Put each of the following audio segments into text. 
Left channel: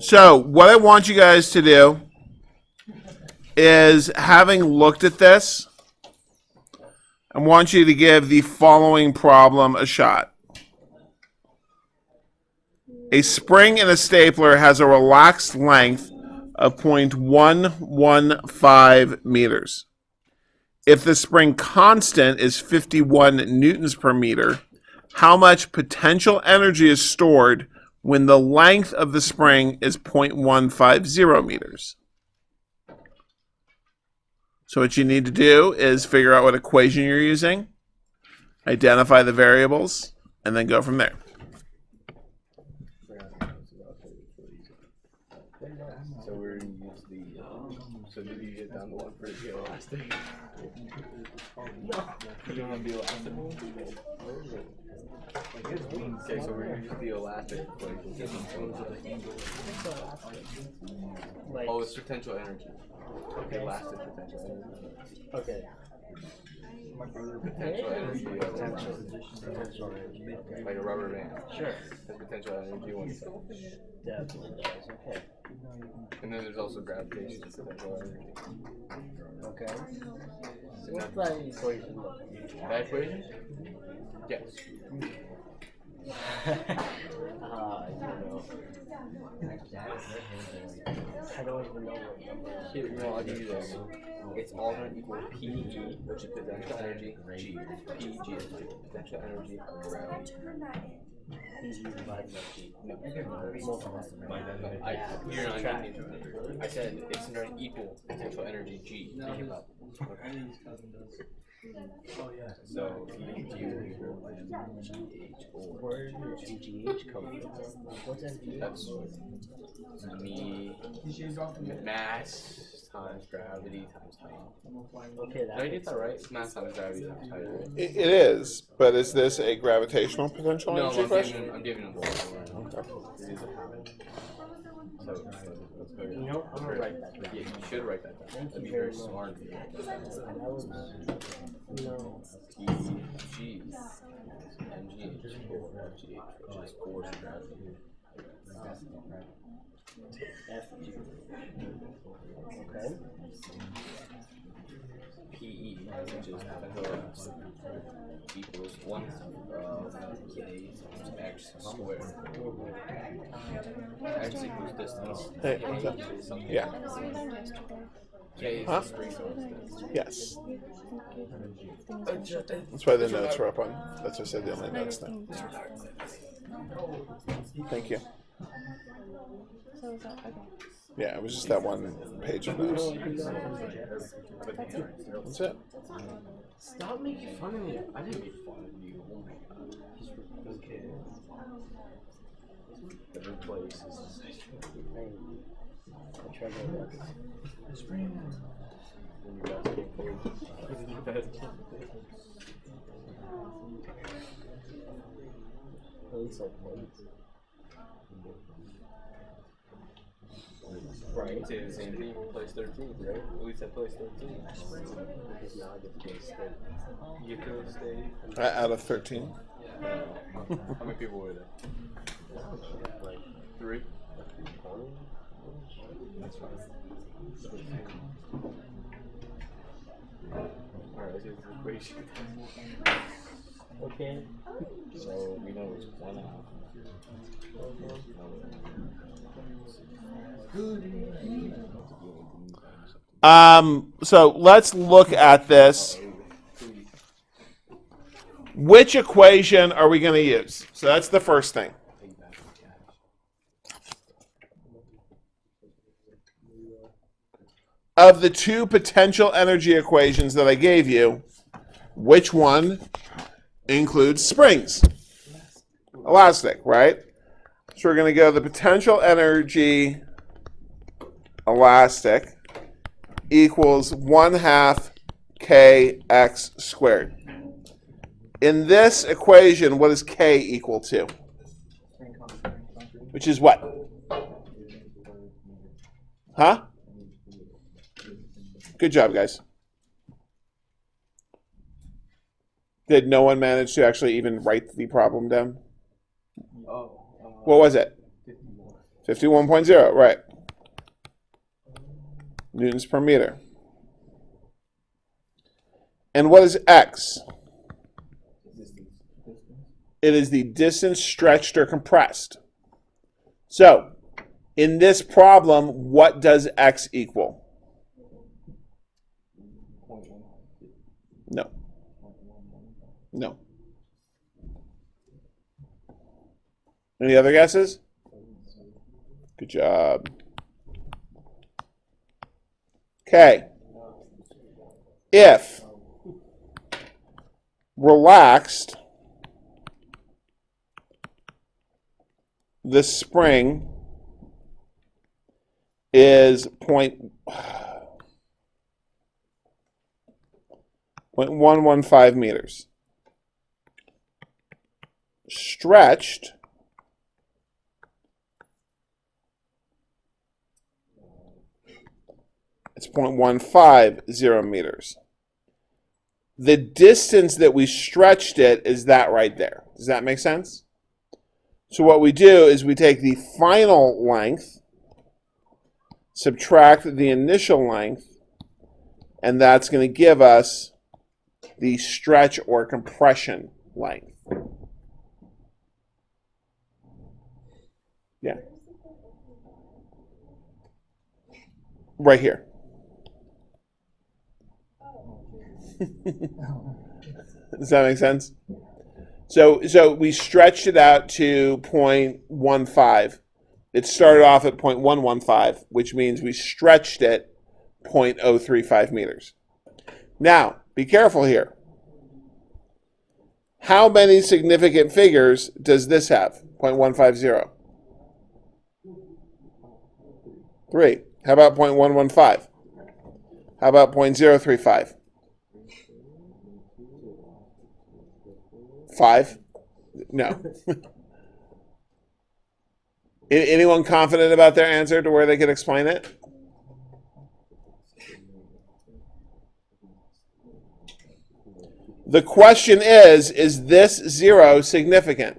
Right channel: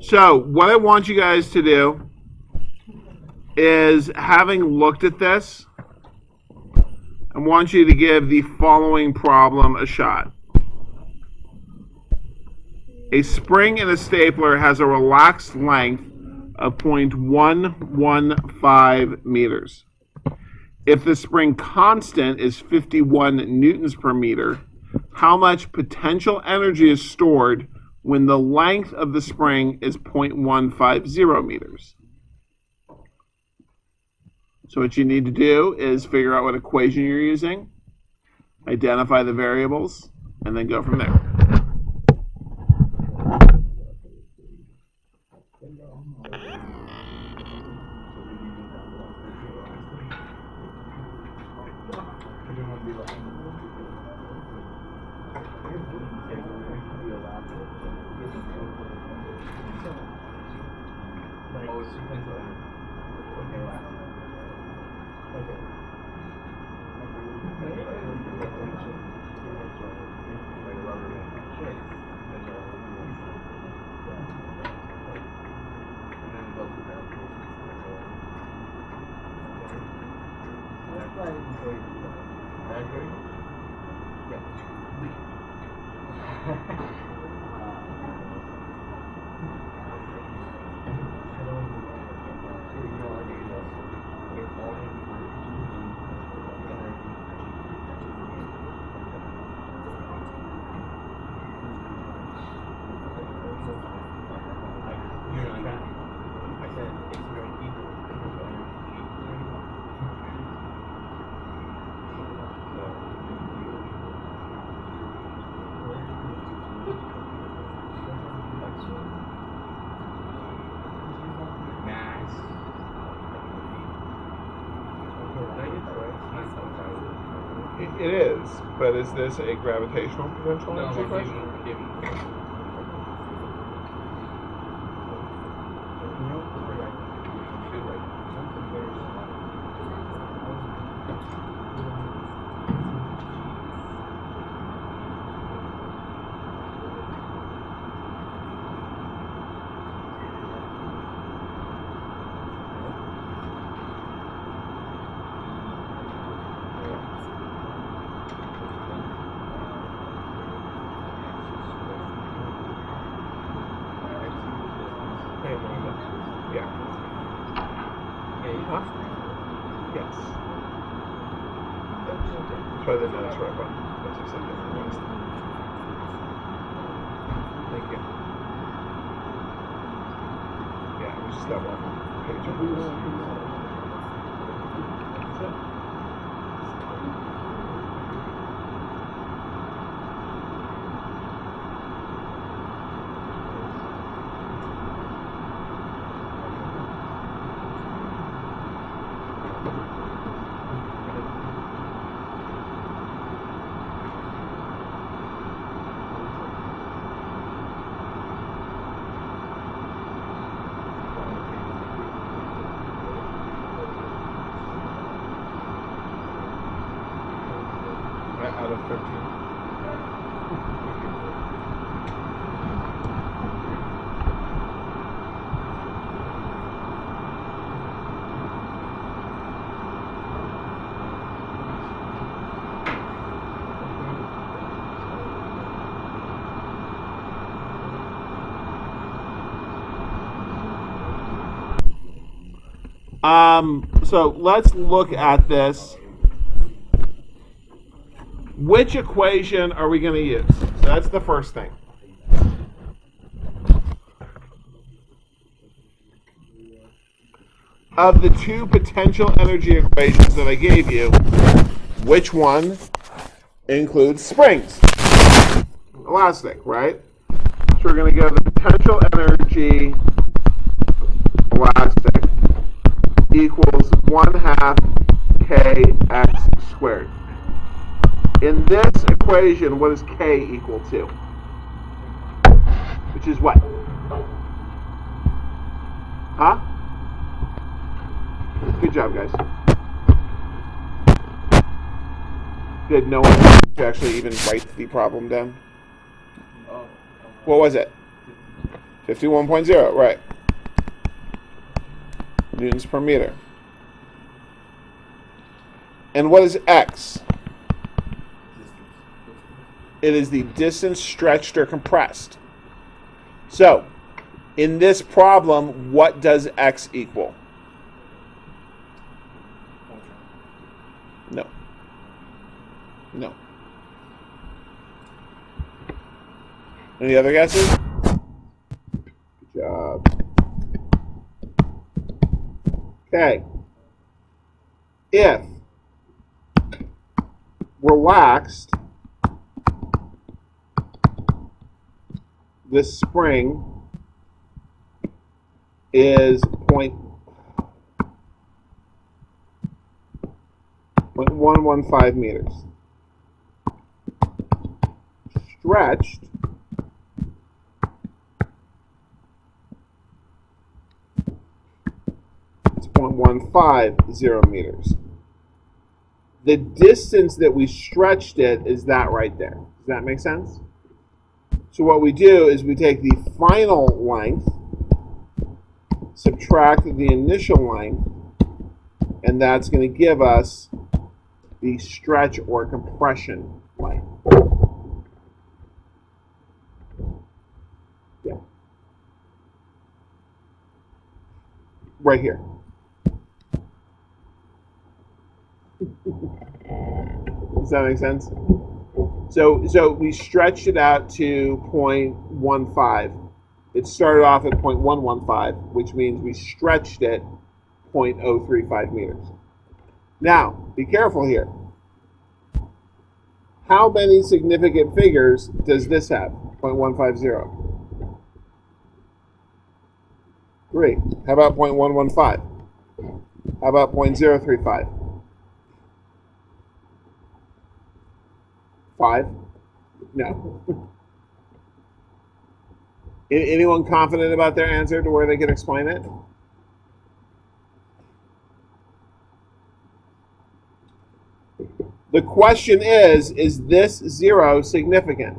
So what I want you guys to do is, having looked at this, I want you to give the following problem a shot. A spring in a stapler has a relaxed length of 0.115 meters. If the spring constant is 51 newtons per meter, how much potential energy is stored when the length of the spring is 0.150 meters? So what you need to do is figure out what equation you're using, identify the variables, and then go from there. Oh, it's potential energy. Okay, elastic. Okay. Potential energy. Potential energy. Like a rubber band. Sure. Potential energy one side. Yeah. Okay. And then there's also gravitation. Okay. So what's that equation look like? That equation? Yes. I don't even know what Here, you know, I'll give you this. It's all going to equal PG, which is potential energy, G. PG is potential energy. You're not getting it. I said it's going to equal potential energy, G. So, PG will equal. That's the mass times gravity. Okay, Did I get that right? Mass times gravity. It is, but is this a gravitational potential No, energy question? I'm giving You know, I'm gonna write that. You should write that. One comparison. Yeah. K Huh? Yes. That's why the notes were up on. That's what I said in the notes. Thank you. Yeah, it was just that one page of notes. That's it. Out of 13. So let's look at this. Which equation are we going to use? So that's the first thing. Of the two potential energy equations that I gave you, which one includes springs? Elastic, right? So we're going to go the potential energy elastic equals 1/2 kx squared. In this equation, what is k equal to? Which is what? Huh? Good job, guys. Good. No one managed to actually even write the problem down. What was it? 51.0, right. Newtons per meter. And what is x? It is the distance stretched or compressed. So, in this problem, what does x equal? No. No. Any other guesses? Good job. Okay. If relaxed, the spring is 0.115 meters. Stretched it's 0.150 meters. The distance that we stretched it is that right there. Does that make sense? So what we do is we take the final length, subtract the initial length, and that's going to give us the stretch or compression length. Yeah. Right here. Does that make sense? So we stretched it out to 0.15. It started off at 0.115, which means we stretched it 0.035 meters. Now, be careful here. How many significant figures does this have? 0.150. 3. How about 0.115? How about 0.035? 5? No. Anyone confident about their answer to where they can explain it? The question is this 0 significant?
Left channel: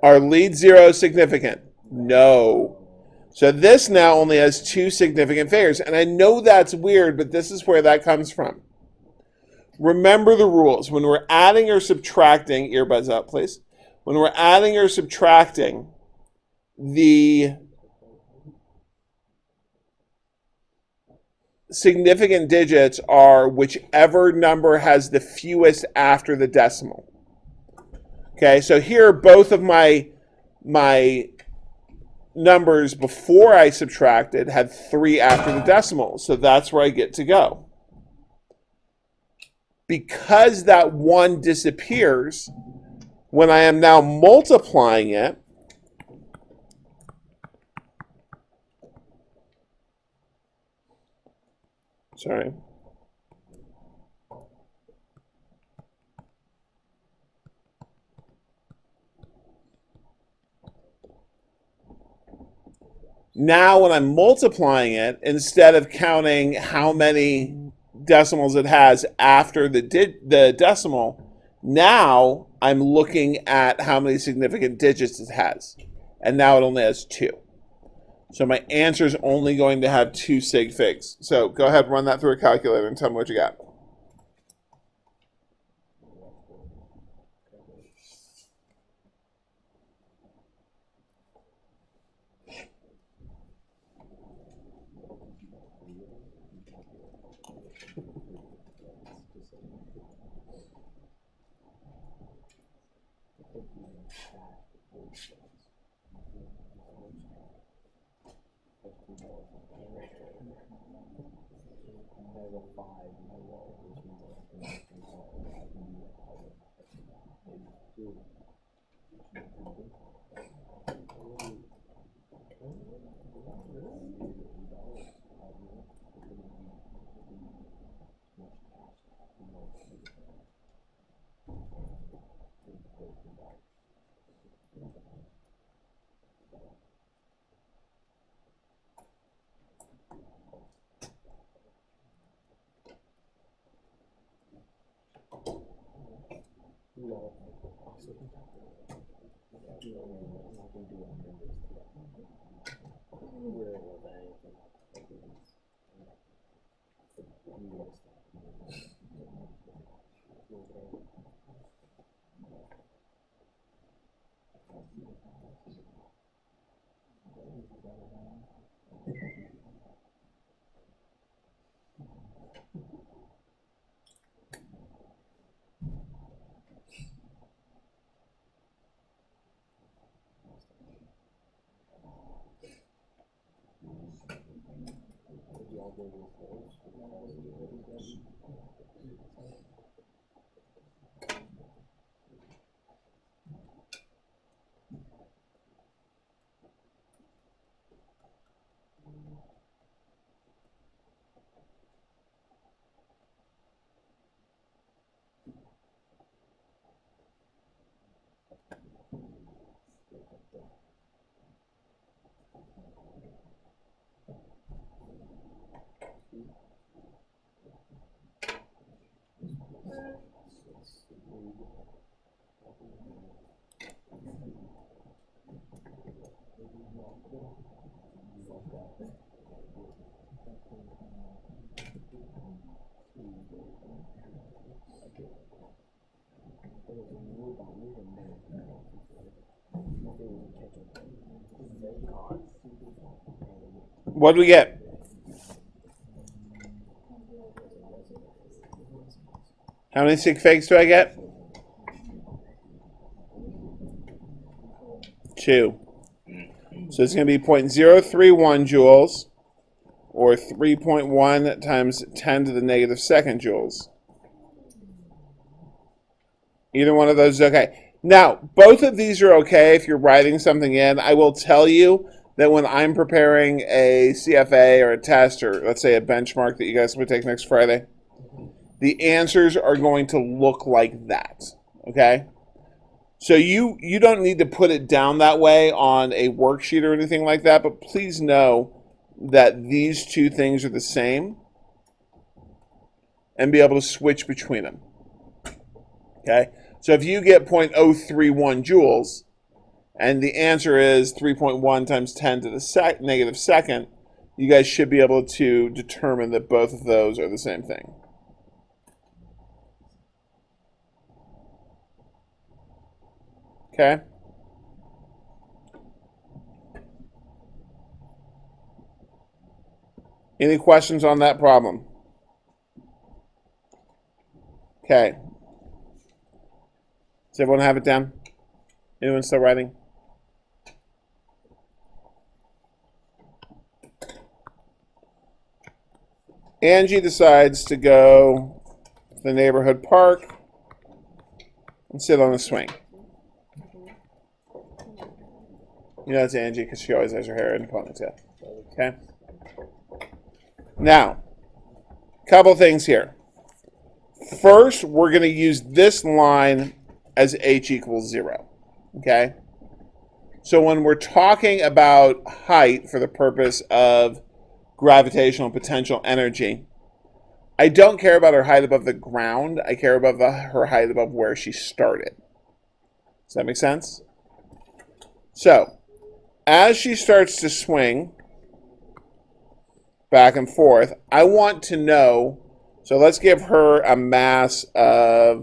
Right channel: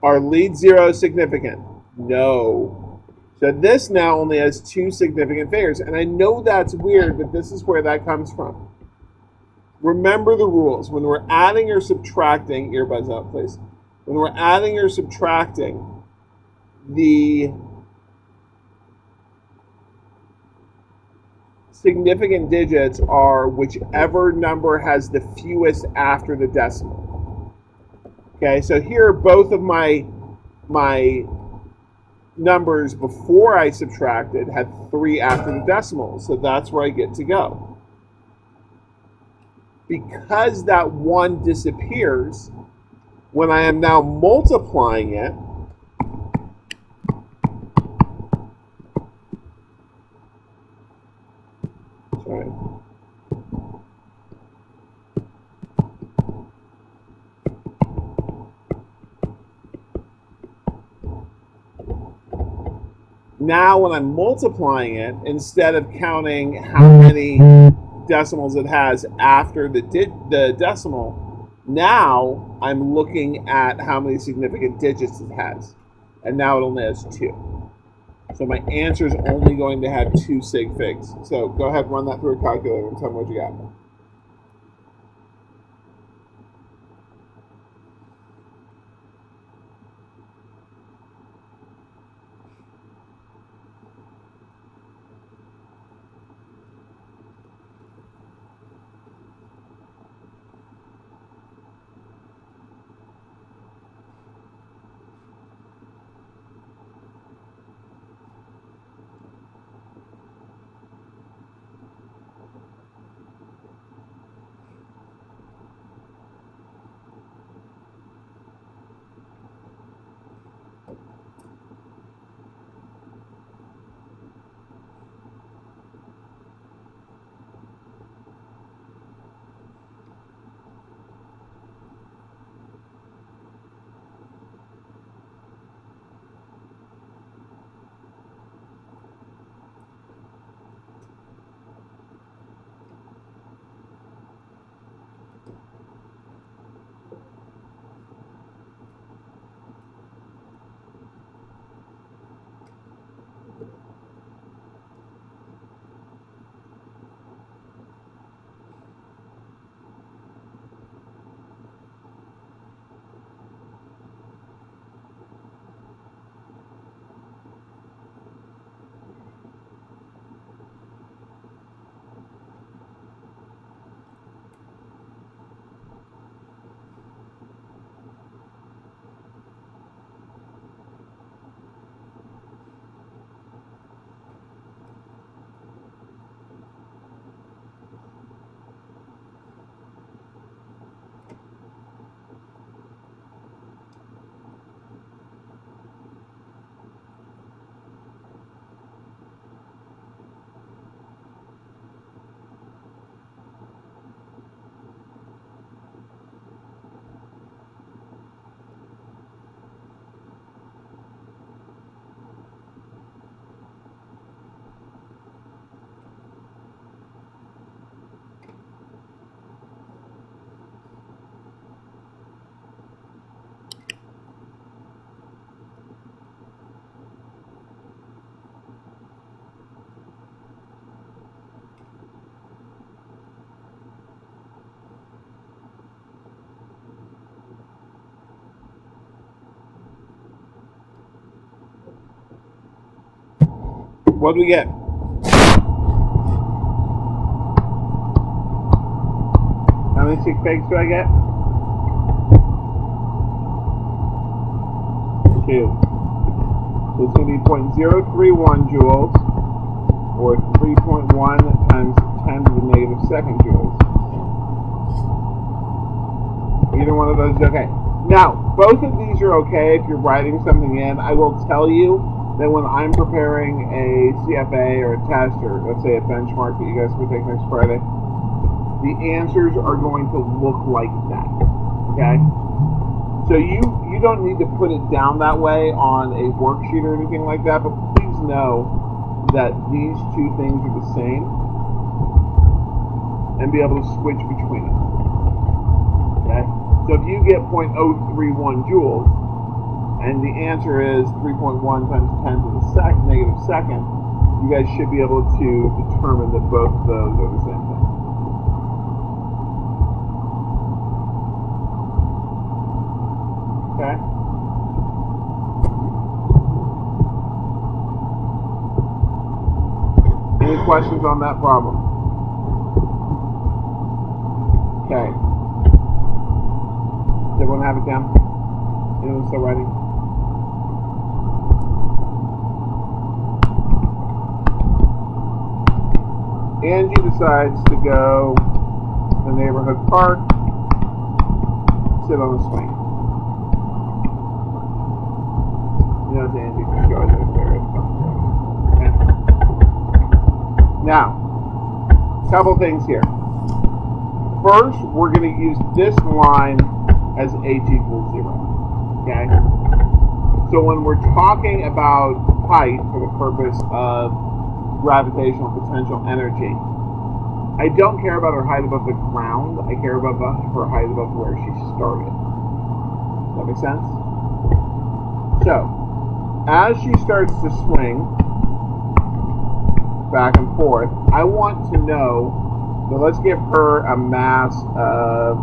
Are lead zeros significant? No. So this now only has 2 significant figures. And I know that's weird, but this is where that comes from. Remember the rules. When we're adding or subtracting, earbuds out, please. When we're adding or subtracting, the significant digits are whichever number has the fewest after the decimal. Okay, so here both of my numbers before I subtracted had 3 after the decimal, so that's where I get to go. Because that 1 disappears, when I am now multiplying it, sorry. Now when I'm multiplying it, instead of counting how many decimals it has after the decimal, now I'm looking at how many significant digits it has. And now it only has 2. So my answer is only going to have 2 sig figs. So go ahead and run that through a calculator and tell me what you got. What do we get? How many sig figs do I get? 2. So it's going to be 0.031 joules, or 3.1 times 10 to the negative second joules. Either one of those is okay. Now, both of these are okay if you're writing something in. I will tell you that when I'm preparing a CFA or a test, or let's say a benchmark that you guys will take next Friday, the answers are going to look like that, okay? So you don't need to put it down that way on a worksheet or anything like that, but please know that these two things are the same and be able to switch between them, okay? So if you get 0.031 joules and the answer is 3.1 times 10 to the negative second, you guys should be able to determine that both of those are the same thing. Okay. Any questions on that problem? Okay. Does everyone have it down? Anyone still writing? Angie decides to go to the neighborhood park, sit on a swing. You know it's Angie because she always has her hair in a ponytail. Okay? Now, a couple things here. First, we're going to use this line as h equals 0. Okay? So when we're talking about height for the purpose of gravitational potential energy, I don't care about her height above the ground. I care about her height above where she started. Does that make sense? So, as she starts to swing back and forth, I want to know, so let's give her a mass of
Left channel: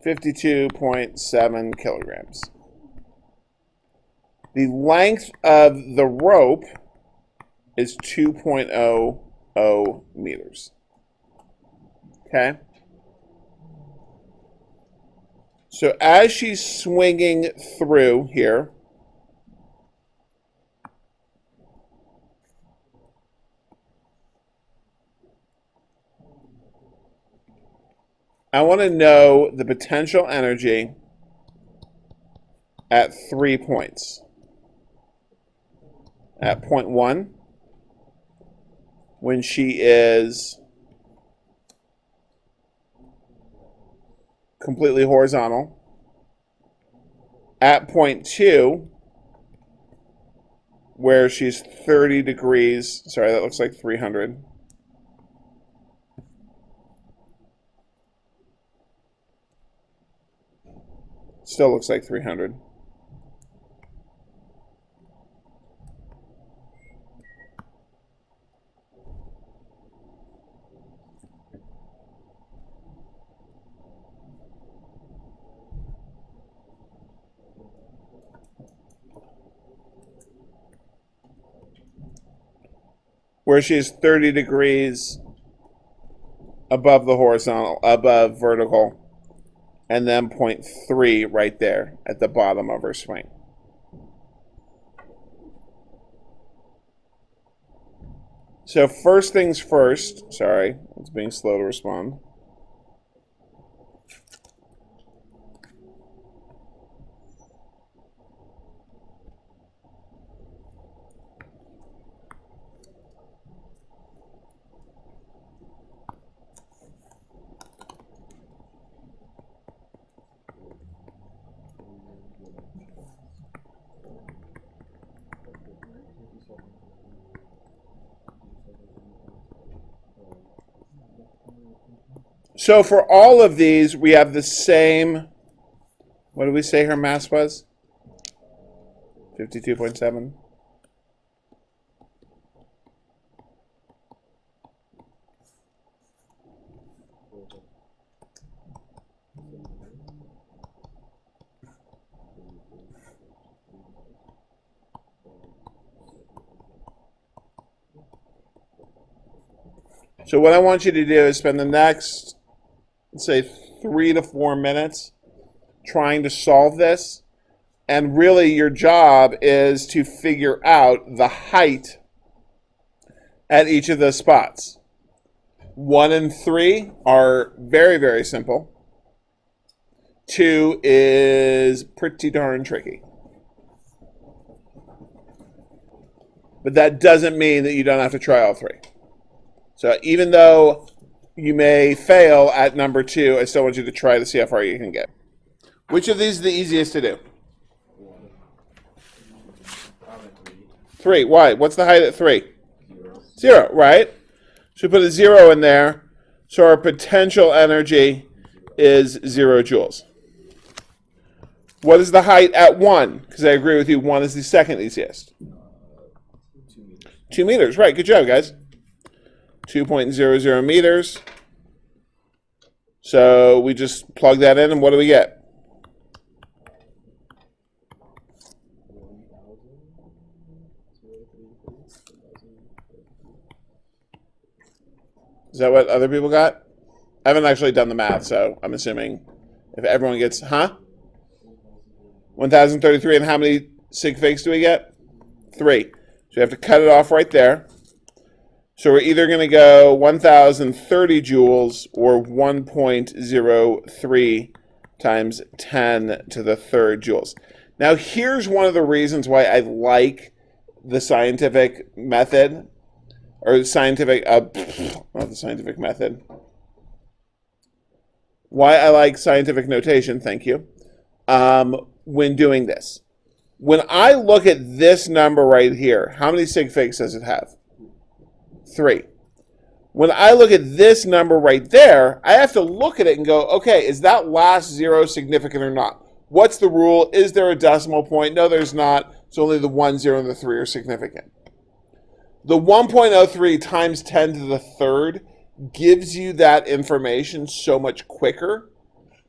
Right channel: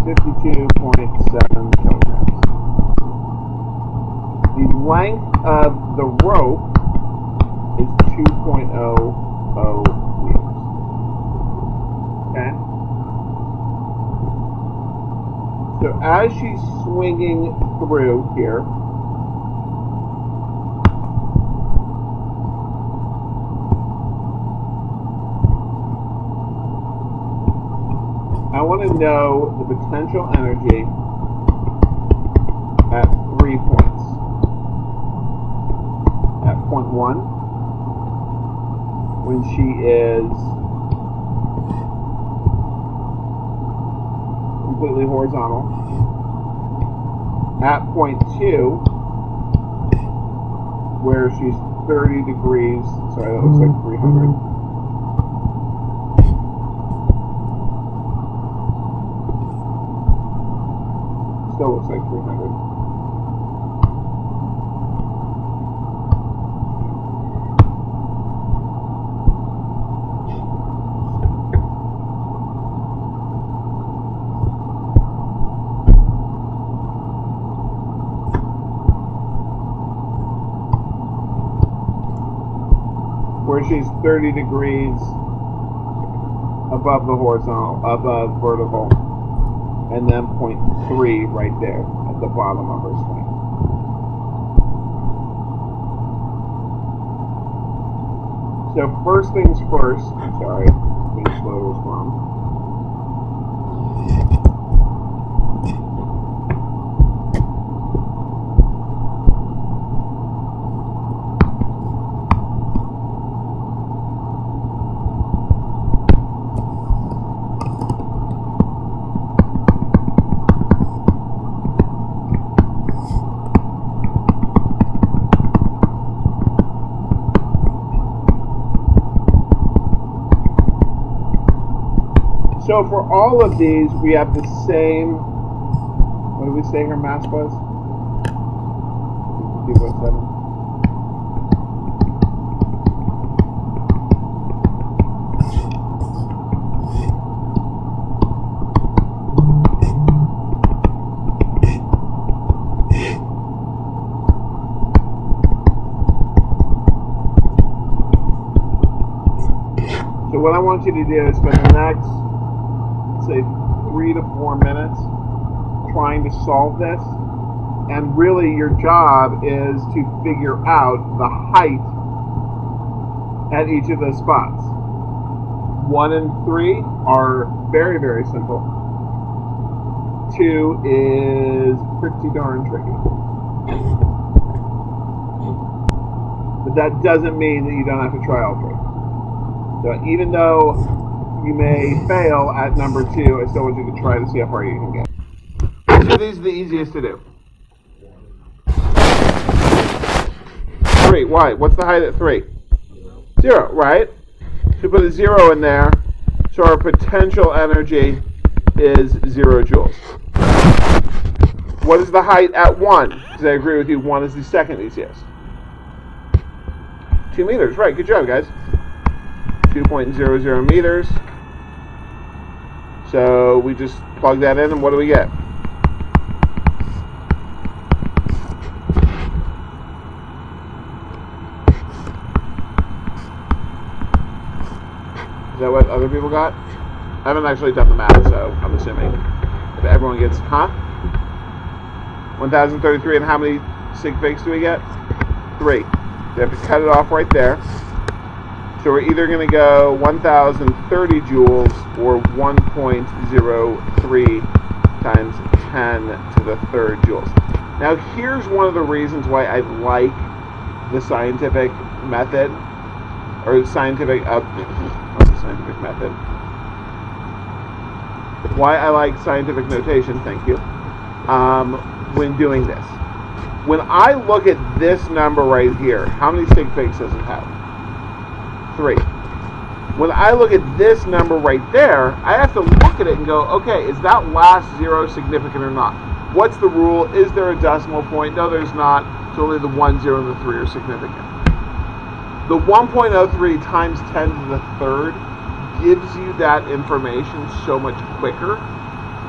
52.7 kilograms. The length of the rope is 2.00 meters. Okay? So as she's swinging through here, I want to know the potential energy at 3 points. At point 1, when she is completely horizontal. At point 2, where she's 30 degrees, sorry, that looks like 300. Still looks like 300. Where she's 30 degrees above the horizontal, above vertical, and then point 3 right there at the bottom of her swing. So first things first, sorry, it's being slow to respond. So for all of these, we have the same, what did we say her mass was? 52.7. So what I want you to do is spend the next, say, 3 to 4 minutes trying to solve this. And really your job is to figure out the height at each of those spots. 1 and 3 are very, very simple. 2 is pretty darn tricky. But that doesn't mean that you don't have to try all 3. So even though you may fail at number 2, I still want you to try to see how far you can get. Which of these is the easiest to do? 3. Why? What's the height at 3? 0, right? So we put a 0 in there. So our potential energy is 0 joules. What is the height at 1? Because I agree with you, 1 is the second easiest. 2 meters, right? Good job, guys. 2.00 meters. So we just plug that in, and what do we get? Is that what other people got? I haven't actually done the math, so I'm assuming if everyone gets, 1,033, and how many sig figs do we get? 3. So you have to cut it off right there. So we're either going to go 1,030 joules or 1.03 times 10 to the third joules. Now here's one of the reasons why I like the scientific method, or the scientific, not the scientific method. Why I like scientific notation, thank you, when doing this. When I look at this number right here, how many sig figs does it have? 3. When I look at this number right there, I have to look at it and go, okay, is that last 0 significant or not? What's the rule? Is there a decimal point? No, there's not. So only the 1, 0, and the 3 are significant. The 1.03 times 10 to the third gives you that information so much quicker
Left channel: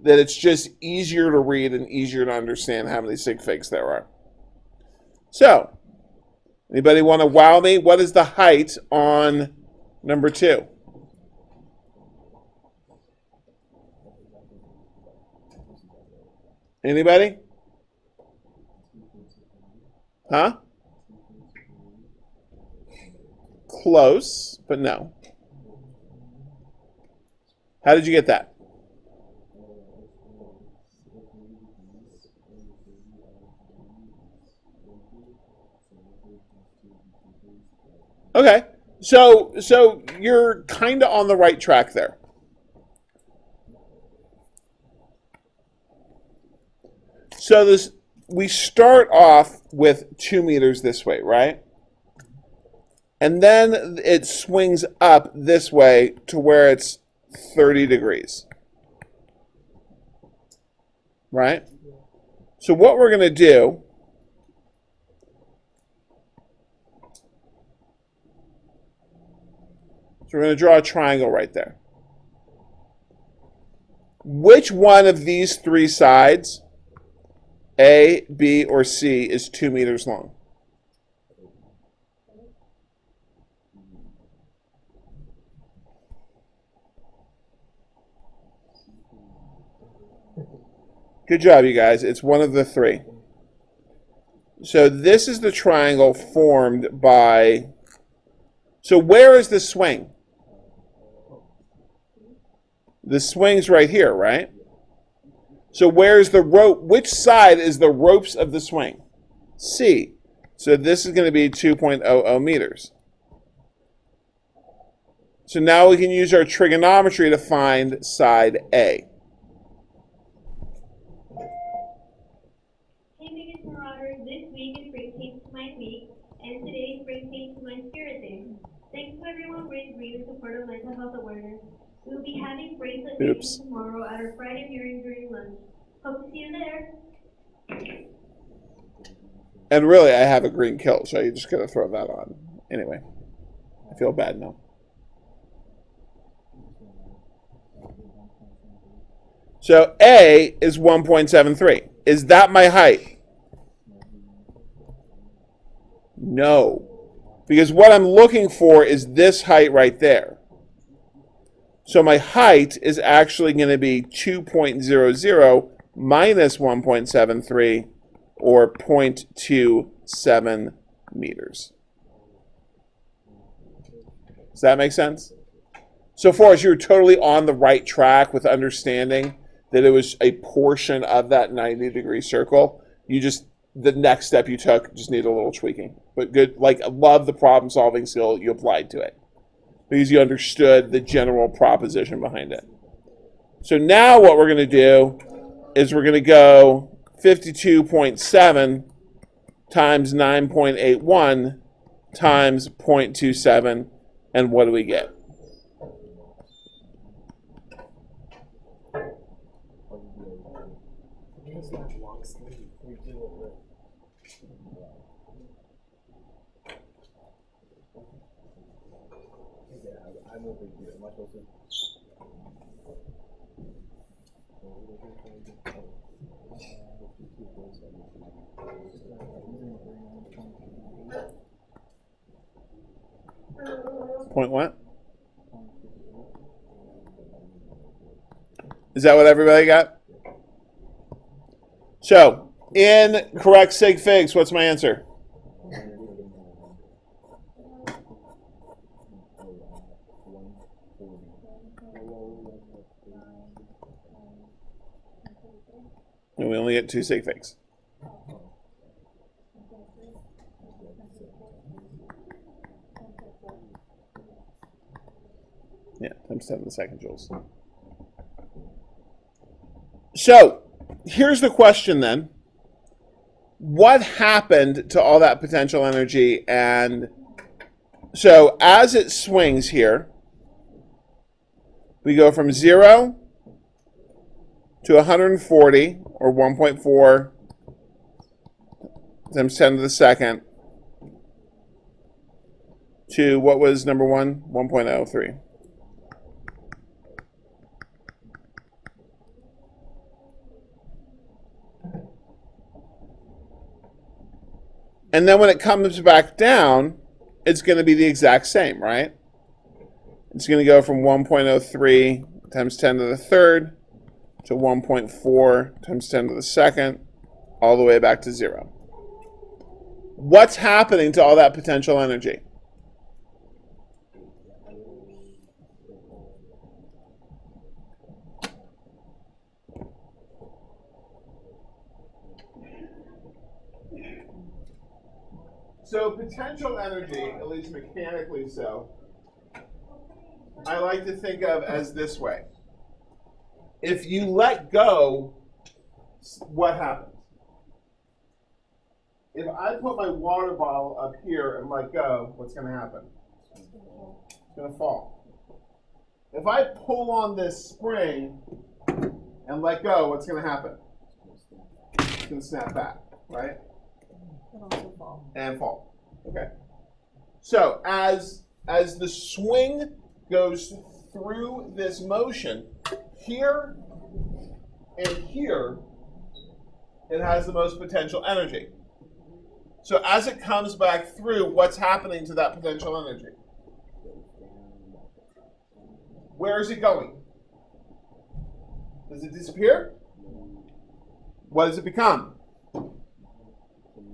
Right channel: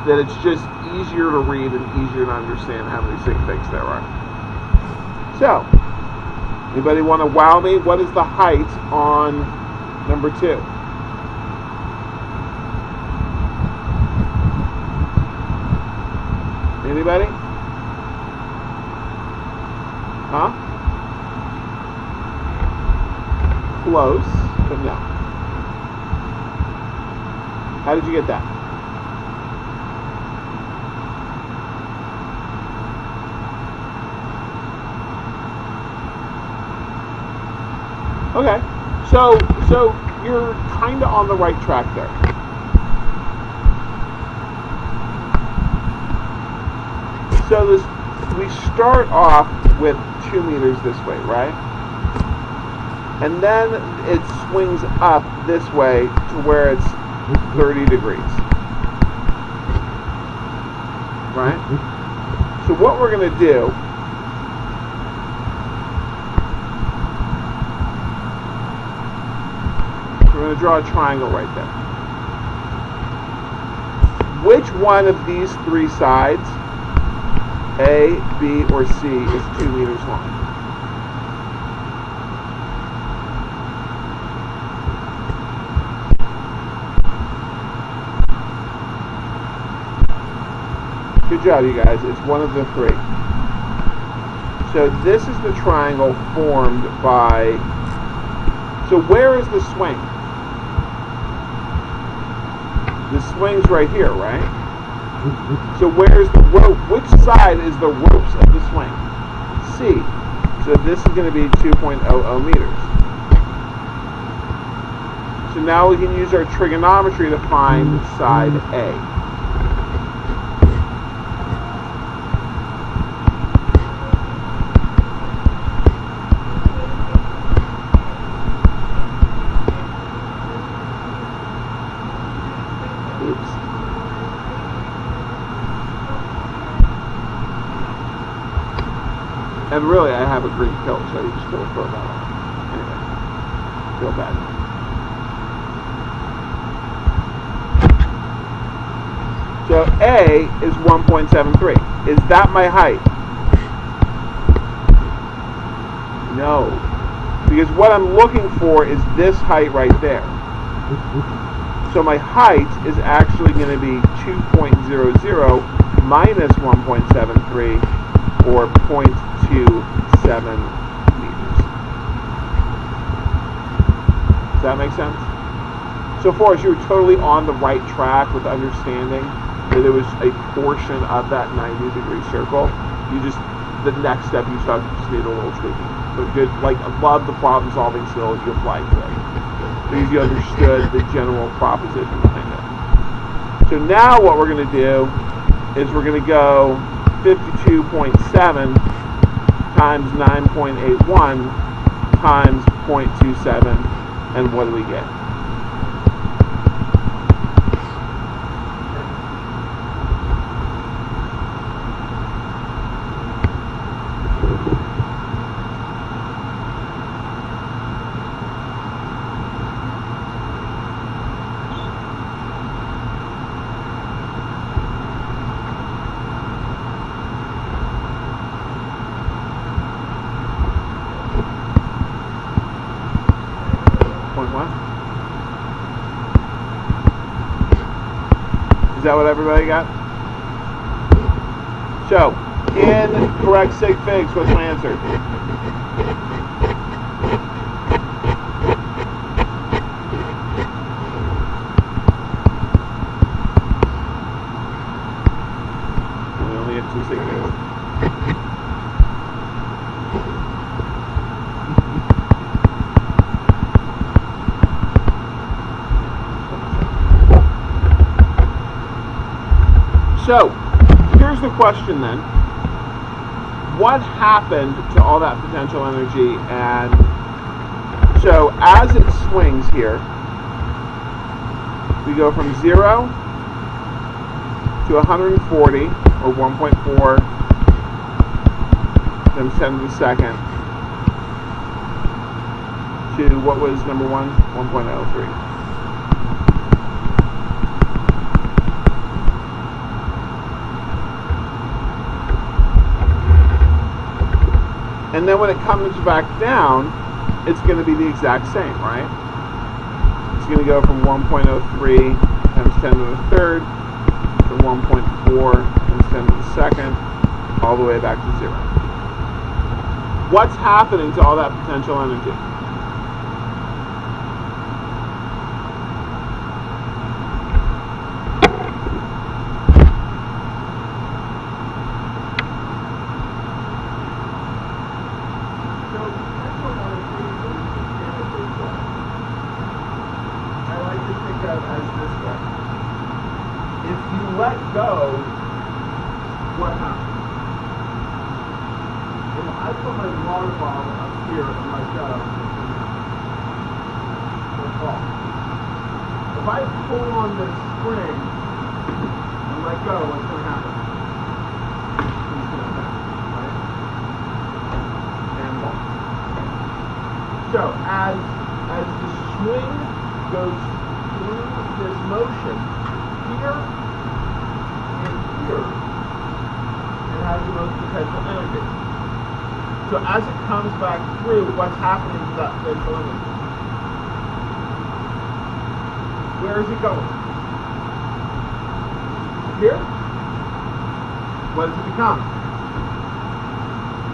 that it's just easier to read and easier to understand how many sig figs there are. So, anybody want to wow me? What is the height on number 2? Anybody? Huh? Close, but no. How did you get that? Okay, so you're kind of on the right track there. So we start off with 2 meters this way, right? And then it swings up this way to where it's 30 degrees. Right? So what we're going to do, we're going to draw a triangle right there. Which one of these 3 sides, A, B, or C, is 2 meters long? Good job, you guys. It's one of the 3. So this is the triangle formed by... So where is the swing? The swing's right here, right? So where's the rope? Which side is the ropes of the swing? C. So this is going to be 2.00 meters. So now we can use our trigonometry to find side A. Oops. And really, I have a green kilt, so you just gotta throw that on. Anyway, feel bad now. So A is 1.73. Is that my height? No. Because what I'm looking for is this height right there. So my height is actually going to be 2.00 minus 1.73, or 0.27 meters. Does that make sense? So far as you're totally on the right track with understanding that it was a portion of that 90-degree circle. The next step you took just needed a little tweaking. But good, I love the problem-solving skill that you applied to it, because you understood the general proposition behind it. So now what we're going to do is we're going to go 52.7 times 9.81 times 0.27, and what do we get? Point what? Is that what everybody got? So, in correct sig figs, what's my answer? We only get 2 sig figs. So, here's the question then. What happened to all that potential energy? And so, as it swings here, we go from 0 to 140, or 1.4 times 10 to the second, to what was number 1? 1.03. And then when it comes back down, it's going to be the exact same, right? It's going to go from 1.03 times 10 to the third to 1.4 times 10 to the second, all the way back to 0. What's happening to all that potential energy? So potential energy, at least mechanically so, I like to think of as this way. If you let go, what happens? If I put my water bottle up here and let go, what's going to happen? It'll fall. If I pull on this spring and let go, what's going to happen? It's going to snap back, right? And fall. Okay. So as the swing goes through this motion, here and here, it has the most potential energy. So as it comes back through, what's happening to that potential energy? Where is it going? Does it disappear? What does it become?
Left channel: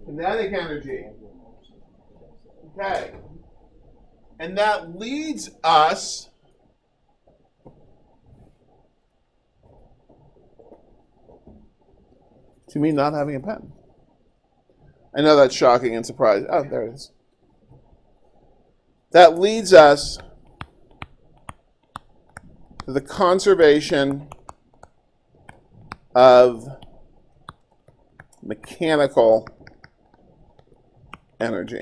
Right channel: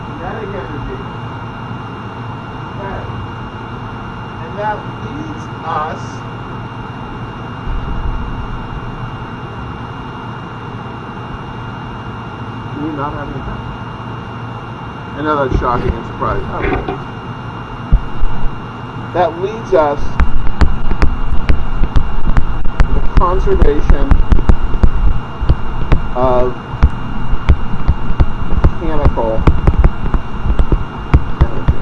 Kinetic energy. Okay. And that leads us to me not having a pen. I know that's shocking and surprising. Oh, there it is. That leads us to the conservation of mechanical energy.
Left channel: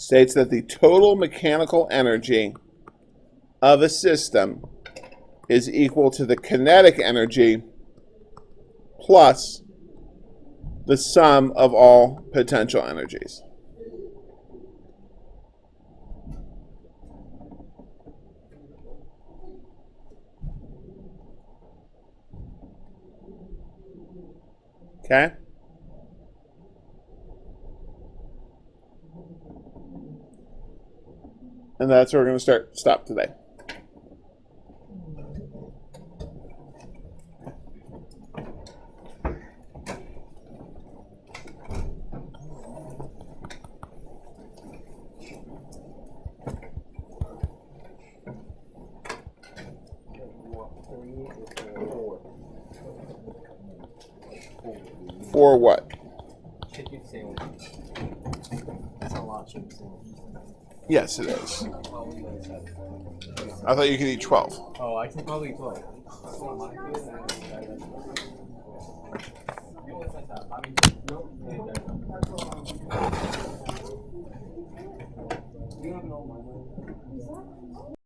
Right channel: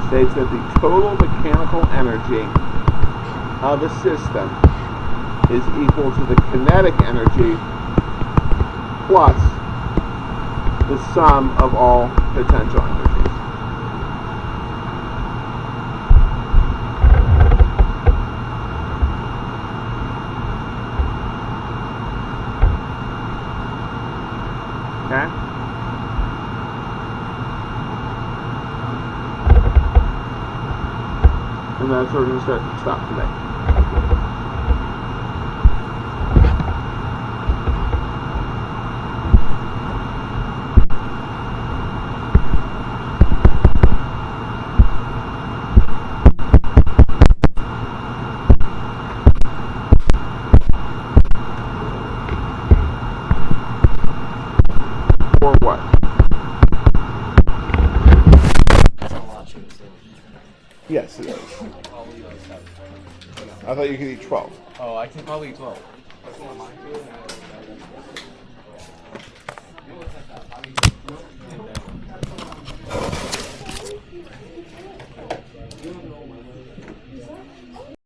States that the total mechanical energy of a system is equal to the kinetic energy plus the sum of all potential energies. Okay? And that's where we're going to stop today. For what? That's a lot to say. Yes, it is. I thought you could eat 12. Oh, I can probably eat 12.